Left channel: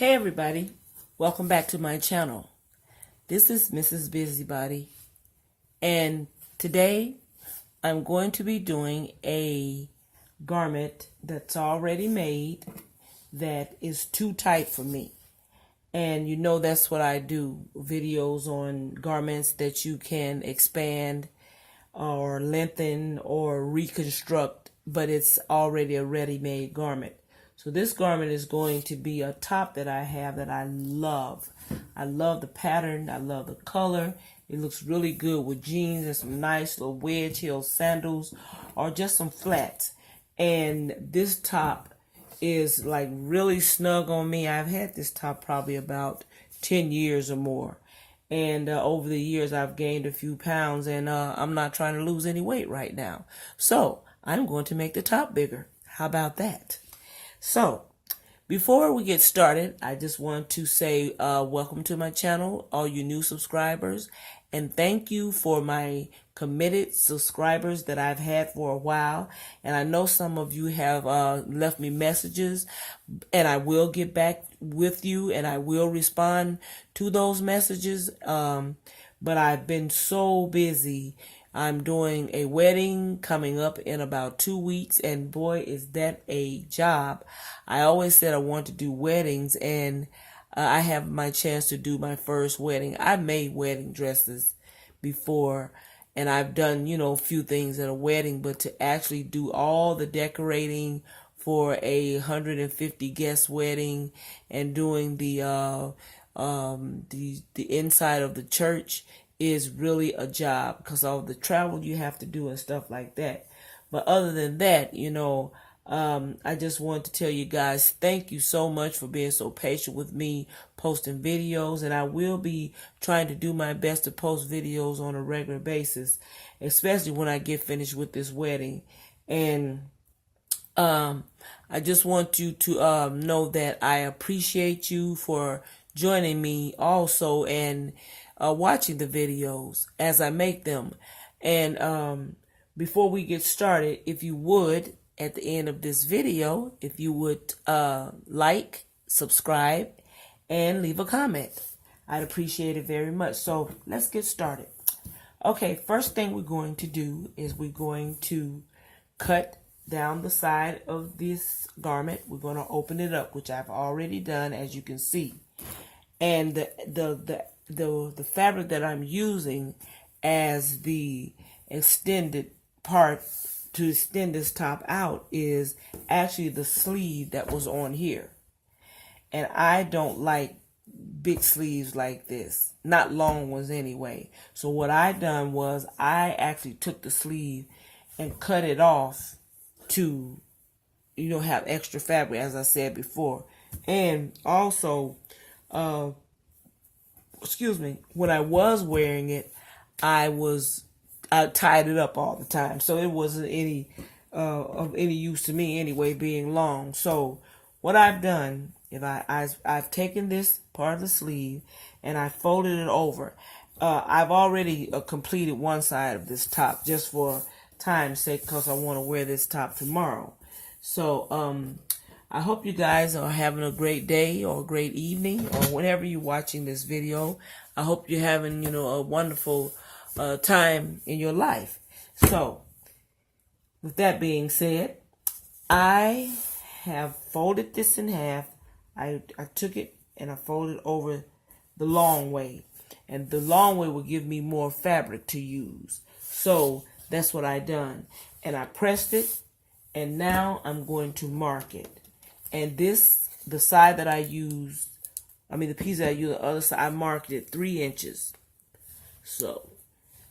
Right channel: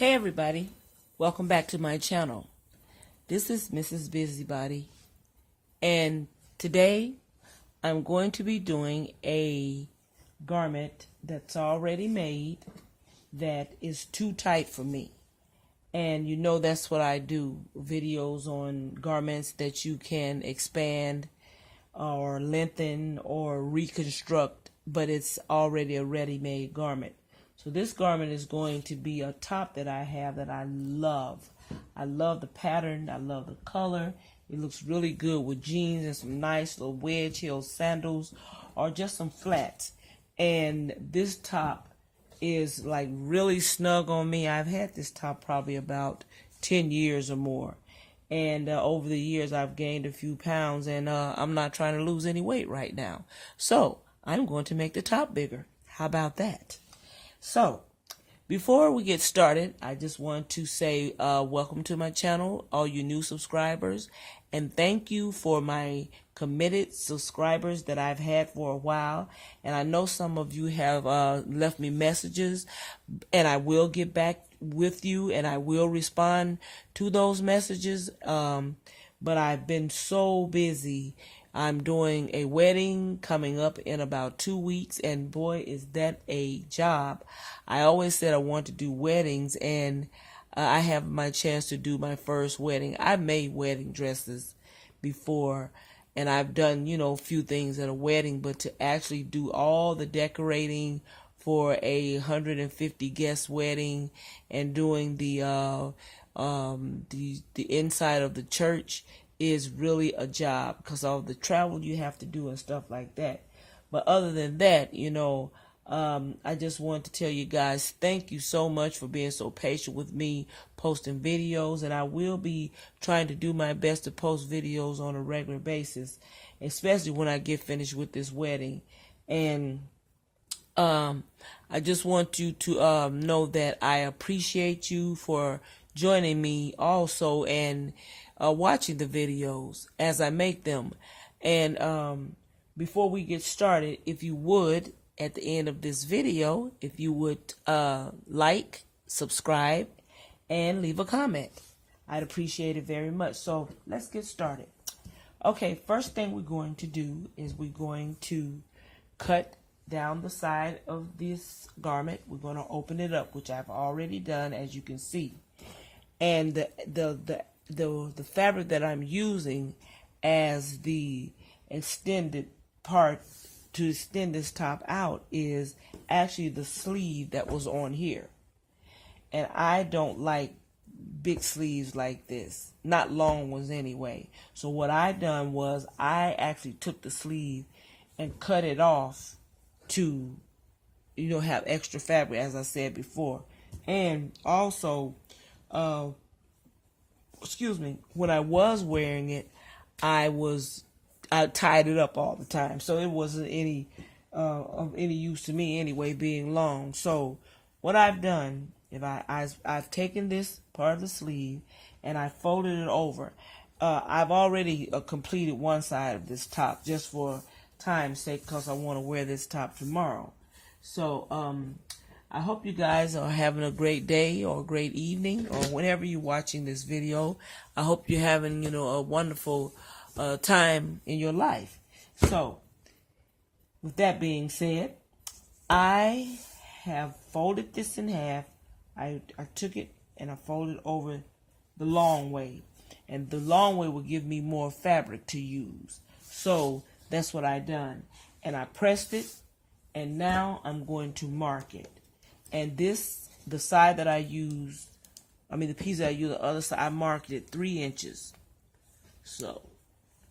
Hey everybody, welcome back to my channel. This is Mrs. Busybody, and today I'm going to be doing a garment that's already made that is too tight for me. And you know that's what I do, videos on garments that you can expand or lengthen or reconstruct, but it's already a ready-made garment. So this garment is going to be a top that I have that I love. I love the pattern. I love the color. It looks really good with jeans and some nice little wedge heel sandals or just some flats. And this top is like really snug on me. I've had this top probably about 10 years or more. And over the years I've gained a few pounds, and I'm not trying to lose any weight right now. So I'm going to make the top bigger. How about that? So, before we get started, I just want to say welcome to my channel, all you new subscribers, and thank you for my committed subscribers that I've had for a while. And I know some of you have left me messages, and I will get back with you, and I will respond to those messages, but I've been so busy. I'm doing a wedding coming up in about 2 weeks, and boy, is that a job. I always said I want to do weddings, and I have my chance to do my first wedding. I've made wedding dresses before, and I've done, a few things at a wedding, but to actually do all the decorating for a 150 guest wedding and doing the inside of the church is really a job because of the travel you have to do and stuff like that. But other than that, I just want to tell you guys thank you so much for being so patient with me posting videos, and I will be trying to do my best to post videos on a regular basis, especially when I get finished with this wedding. And I just want you to know that I appreciate you for joining me also, and watching the videos as I make them. And before we get started, if you would, at the end of this video, if you would like, subscribe, and leave a comment. I'd appreciate it very much. So let's get started. Okay, first thing we're going to do is we're going to cut down the side of this garment. We're going to open it up, which I've already done, as you can see. And the fabric that I'm using as the extended part to extend this top out is actually the sleeve that was on here. And I don't like big sleeves like this, not long ones anyway. So what I done was I actually took the sleeve and cut it off to, have extra fabric, as I said before. And also, when I was wearing it, I tied it up all the time, so it wasn't any of any use to me anyway, being long. So what I've done, I've taken this part of the sleeve and I folded it over. I've already completed one side of this top just for time's sake, because I want to wear this top tomorrow. So I hope you guys are having a great day or a great evening, or whenever you're watching this video. I hope you're having, a wonderful time in your life. So, with that being said, I have folded this in half. I took it and I folded over the long way. And the long way will give me more fabric to use. So, that's what I done. And I pressed it, and now I'm going to mark it. And the side that I used, the piece that I used, the other side, I marked it 3 inches. So,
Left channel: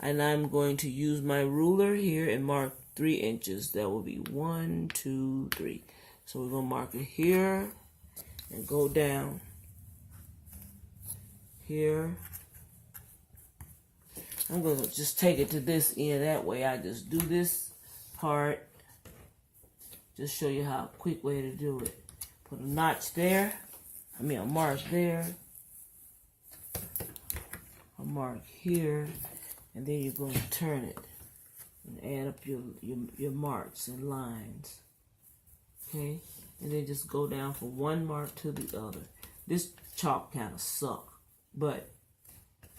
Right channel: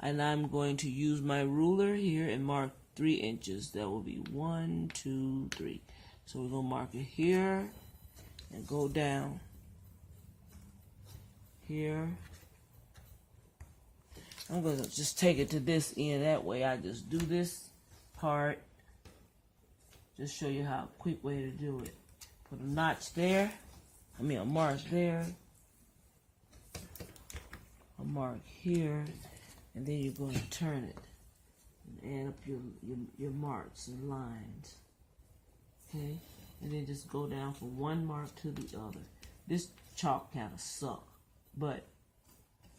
and I'm going to use my ruler here and mark 3 inches. That will be 1, 2, 3. So we're going to mark it here and go down here. I'm going to just take it to this end. That way I just do this part. Just show you how quick way to do it. Put a notch there. A mark there. A mark here. And then you're going to turn it and add up your marks and lines. Okay? And then just go down from one mark to the other. This chalk kind of suck, but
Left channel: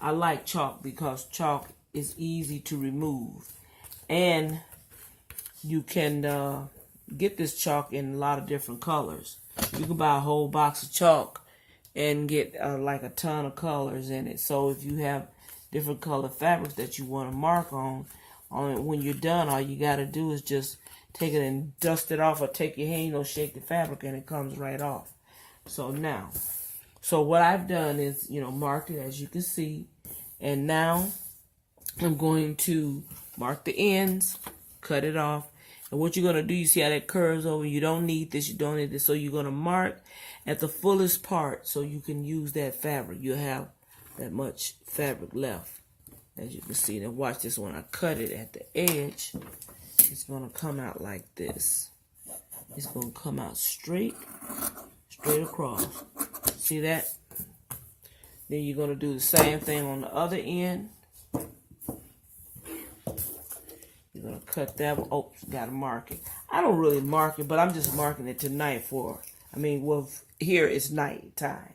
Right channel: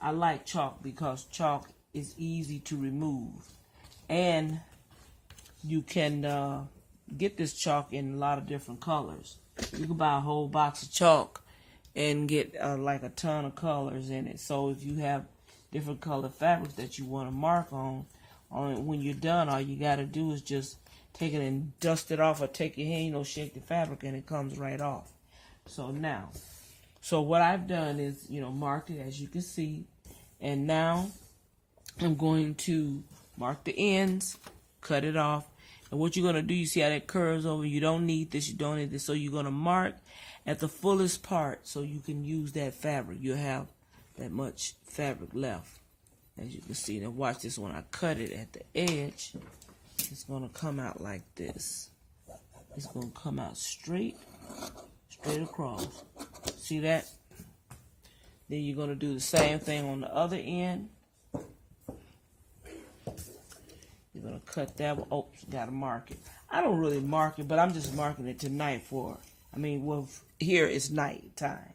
I like chalk because chalk is easy to remove, and you can get this chalk in a lot of different colors. You can buy a whole box of chalk and get like a ton of colors in it. So if you have different colored fabrics that you want to mark on it, when you're done, all you got to do is just take it and dust it off, or take your hand, shake the fabric, and it comes right off. So what I've done is, marked it, as you can see, and now I'm going to mark the ends, cut it off. And what you're going to do, you see how that curves over? You don't need this, you don't need this. So you're going to mark at the fullest part so you can use that fabric. You'll have that much fabric left, as you can see. Now watch this. When I cut it at the edge, it's going to come out like this. It's going to come out straight across. See that? Then you're going to do the same thing on the other end. You're going to cut that one. Oh, you got to mark it. I don't really mark it, but I'm just marking it tonight here it's night time.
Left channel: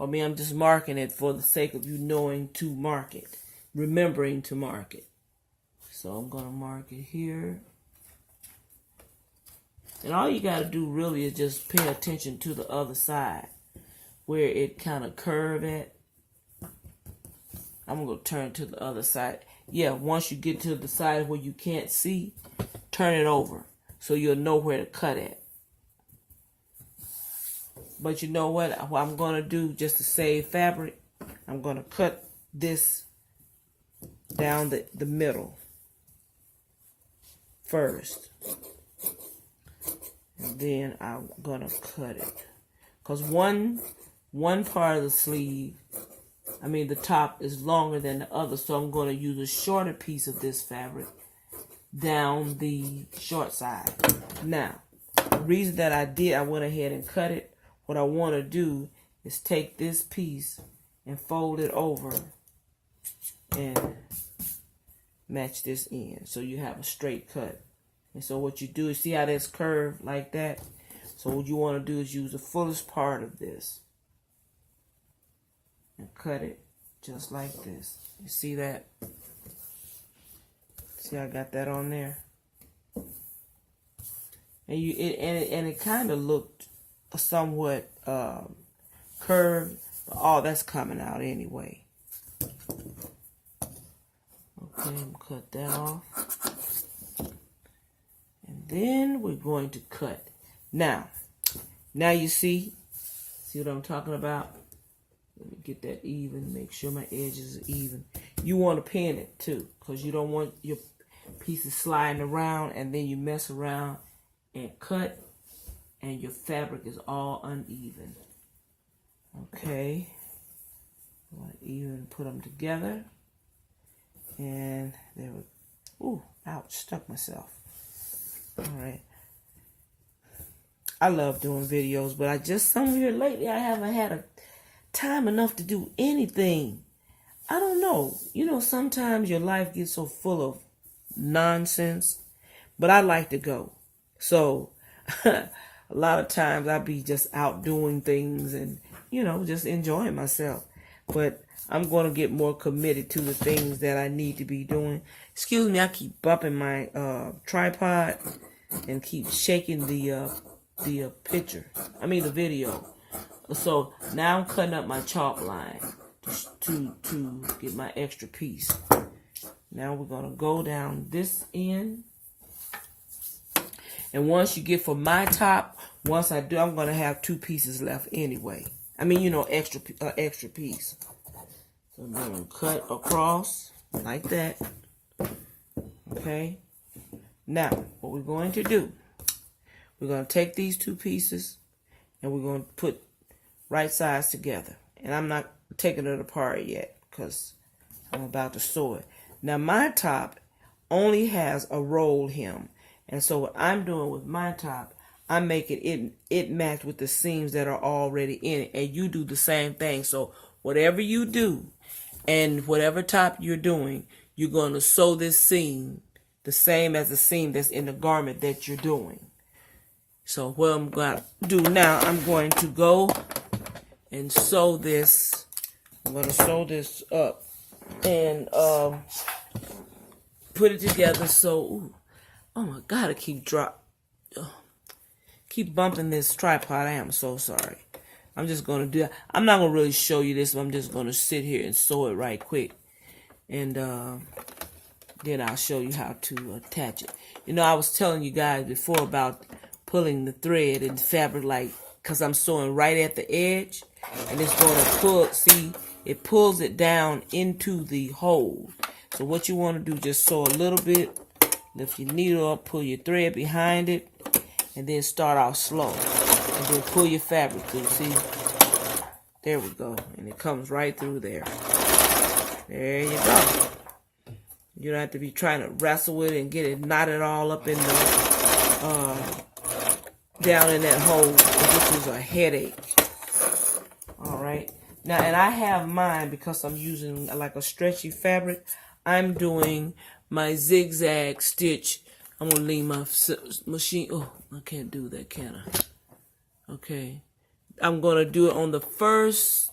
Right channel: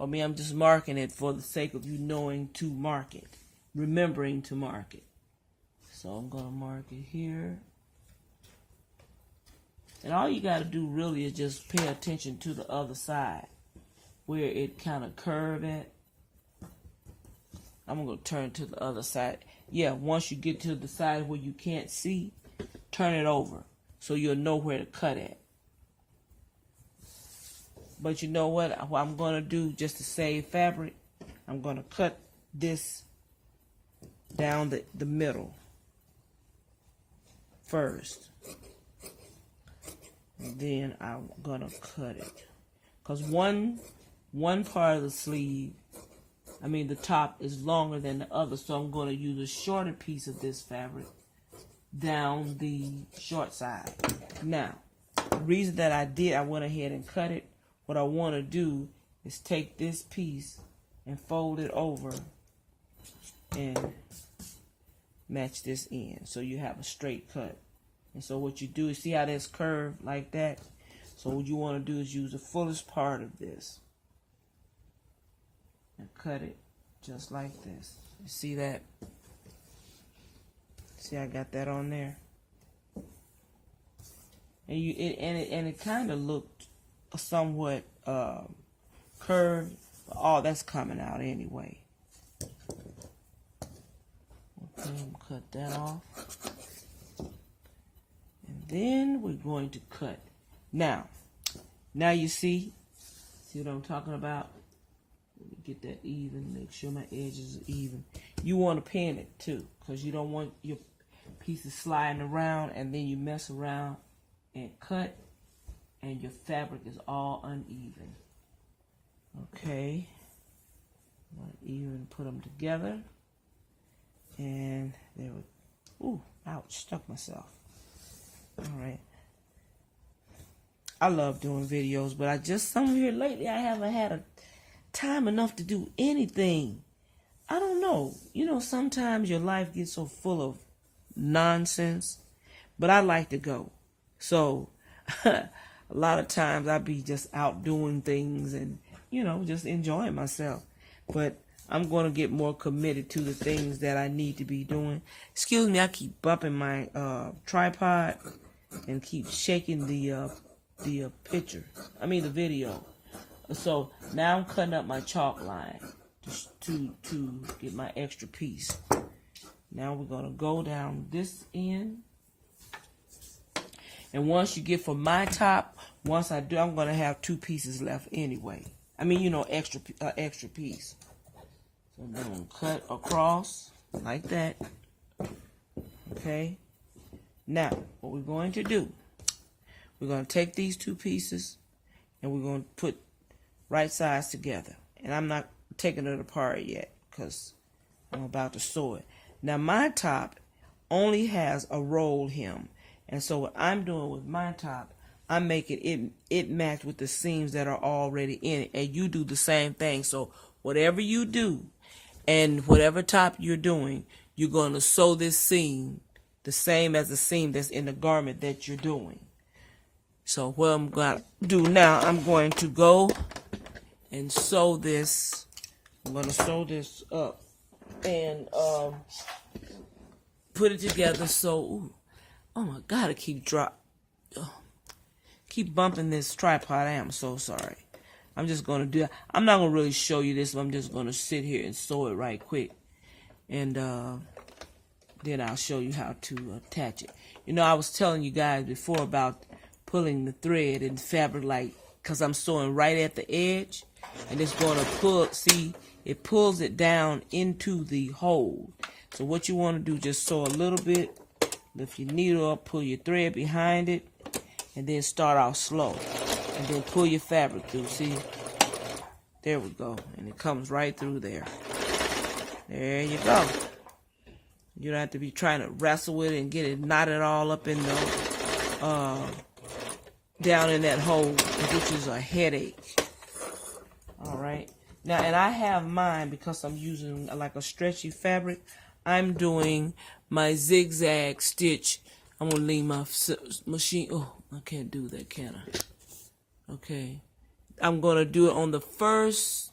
I'm just marking it for the sake of you knowing to mark it. Remembering to mark it. So I'm going to mark it here. And all you got to do really is just pay attention to the other side, where it kind of curve at. I'm going to turn to the other side. Yeah, once you get to the side where you can't see, turn it over so you'll know where to cut at. But you know what I'm going to do, just to save fabric, I'm going to cut this down the middle first. And then I'm going to cut it. Because one part of the sleeve, the top is longer than the other, so I'm going to use a shorter piece of this fabric down the short side. Now, the reason that I went ahead and cut it, what I want to do is take this piece and fold it over and match this end so you have a straight cut. And so what you do is, see how that's curved like that? So what you want to do is use the fullest part of this and cut it just like this. You see that? See, I got that on there. And it kind of looked somewhat curved, but all that's coming out anyway. Okay, cut that off. And then we're going to cut. Now you see what I'm talking about? Let me get that even, make sure my edges are even. You want to pin it too, because you don't want your pieces sliding around and then you mess around and cut and your fabric is all uneven. Okay, I want to even put them together. And there we go. Ooh, ouch, stuck myself. Alright. I love doing videos, but somewhere lately I haven't had a time enough to do anything. I don't know. Sometimes your life gets so full of nonsense, but I like to go. So, a lot of times I be just out doing things and, just enjoying myself. But I'm going to get more committed to the things that I need to be doing. Excuse me, I keep bumping my tripod and keep shaking the video. So now I'm cutting up my chalk line to get my extra piece. Now we're going to go down this end. And once you get for my top, once I do, I'm going to have 2 pieces left anyway. Extra piece. So I'm going to cut across like that. Okay. Now, what we're going to do, we're going to take these 2 pieces and we're going to put right sides together. And I'm not taking it apart yet because I'm about to sew it. Now, my top only has a roll hem. And so what I'm doing with my top, I'm making it match with the seams that are already in it. And you do the same thing. So whatever you do and whatever top you're doing, you're going to sew this seam the same as the seam that's in the garment that you're doing. So what I'm going to do now, I'm going to go and and sew this. I'm going to sew this up and put it together. So, oh my God, I keep bumping this tripod. I am so sorry. I'm just going to do that. I'm not going to really show you this. I'm just going to sit here and sew it right quick. And then I'll show you how to attach it. You know, I was telling you guys before about pulling the thread in the fabric, like, because I'm sewing right at the edge. And it's going to pull, see, it pulls it down into the hole. So what you want to do, just sew a little bit, lift your needle up, pull your thread behind it, and then start off slow. And then pull your fabric through, see? There we go. And it comes right through there. There you go. You don't have to be trying to wrestle with it and get it knotted all up in the, down in that hole, which is a headache. Alright. Now, and I have mine because I'm using like a stretchy fabric. I'm doing my zigzag stitch. I'm going to leave my machine. Oh, I can't do that, can I? Okay. I'm going to do it on the first,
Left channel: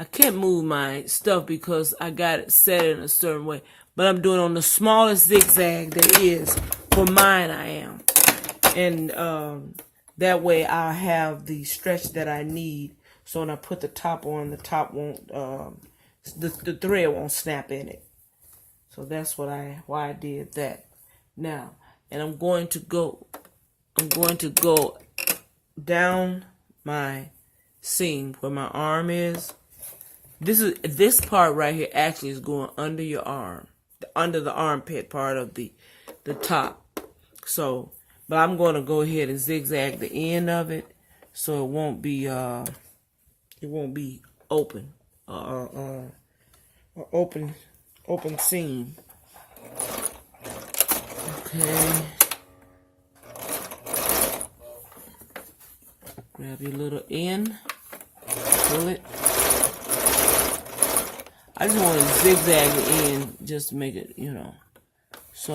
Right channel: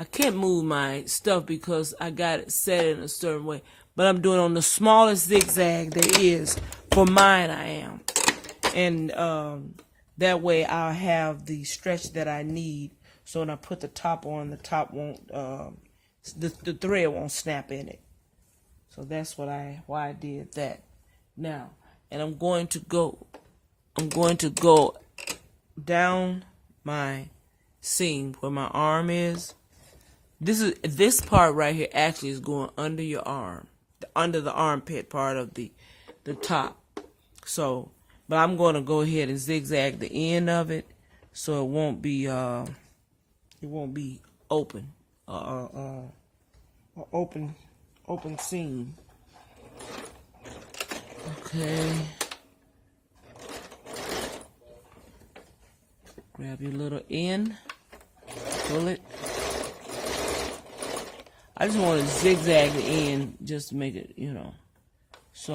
I can't move my stuff because I got it set in a certain way. But I'm doing it on the smallest zigzag there is. For mine, I am. And that way I'll have the stretch that I need. So when I put the top on, the top won't, the thread won't snap in it. So that's why I did that. Now, and I'm going to go down my seam where my arm is. This part right here actually is going under your arm, under the armpit part of the top. So, but I'm going to go ahead and zigzag the end of it so it won't be open, open seam. Okay. Grab your little end, pull it. I just want to zigzag the end just to make it, you know. So,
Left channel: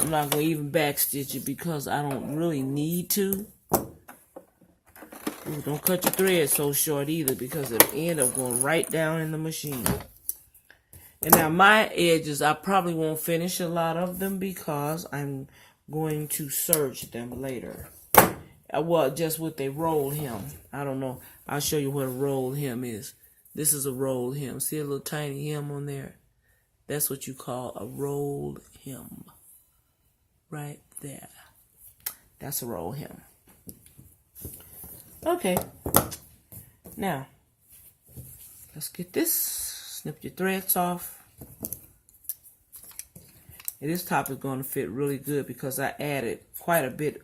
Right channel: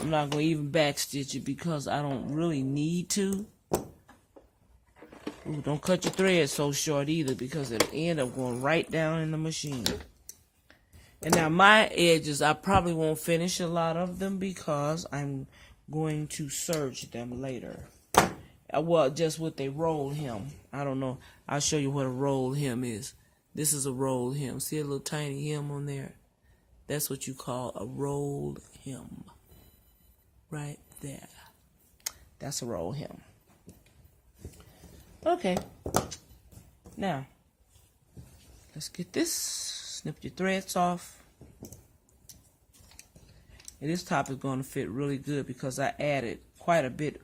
I'm not going to even back stitch it because I don't really need to. Ooh, don't cut your thread so short either because it'll end up going right down in the machine. And now my edges, I probably won't finish a lot of them because I'm going to serge them later. Well, just with a roll hem. I don't know. I'll show you what a roll hem is. This is a roll hem. See a little tiny hem on there? That's what you call a roll hem. Right there. That's a roll hem. Okay. Now, let's get this. Snip your threads off. And this top is going to fit really good because I added quite a bit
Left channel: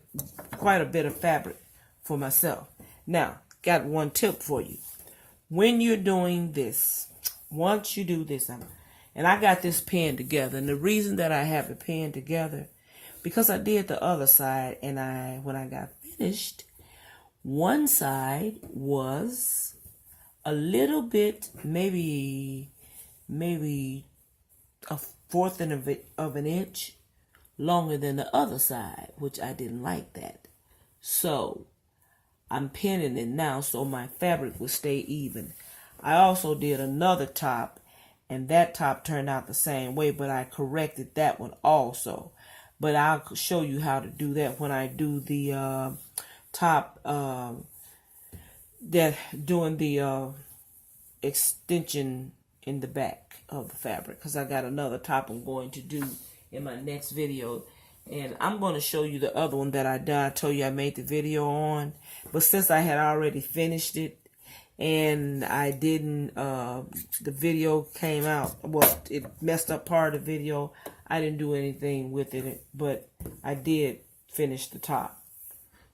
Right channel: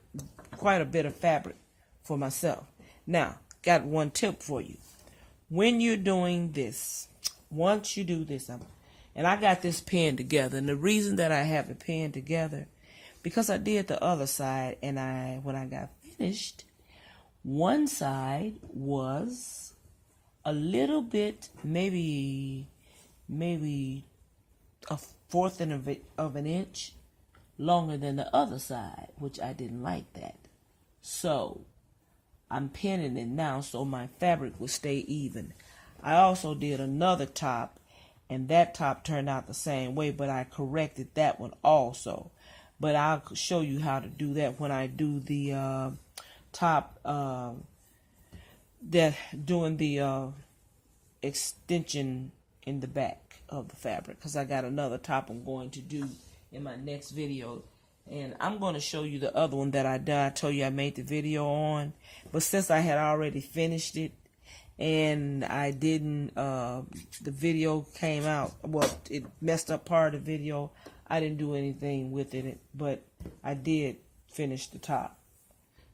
of fabric for myself. Now, got one tip for you. When you're doing this, once you do this, and I got this pinned together, and the reason that I have it pinned together, because I did the other side, and when I got finished, one side was a little bit, maybe a fourth of an inch longer than the other side, which I didn't like that. So I'm pinning it now so my fabric will stay even. I also did another top, and that top turned out the same way, but I corrected that one also. But I'll show you how to do that when I do the top, doing the extension in the back of the fabric, because I got another top I'm going to do in my next video. And I'm going to show you the other one that I done. I told you I made the video on. But since I had already finished it and I didn't, the video came out, well, it messed up part of the video. I didn't do anything with it, but I did finish the top.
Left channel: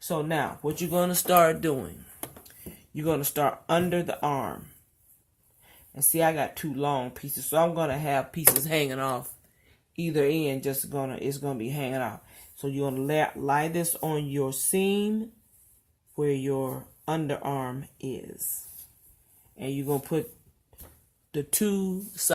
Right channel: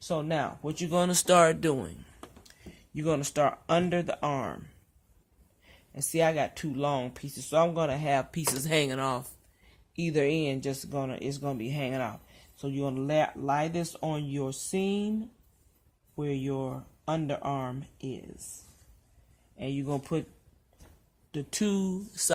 So now, what you're going to start doing, you're going to start under the arm. And see, I got two long pieces, so I'm going to have pieces hanging off either end, it's gonna be hanging out. So you're gonna lie this on your seam where your underarm is, and you're gonna put the two sides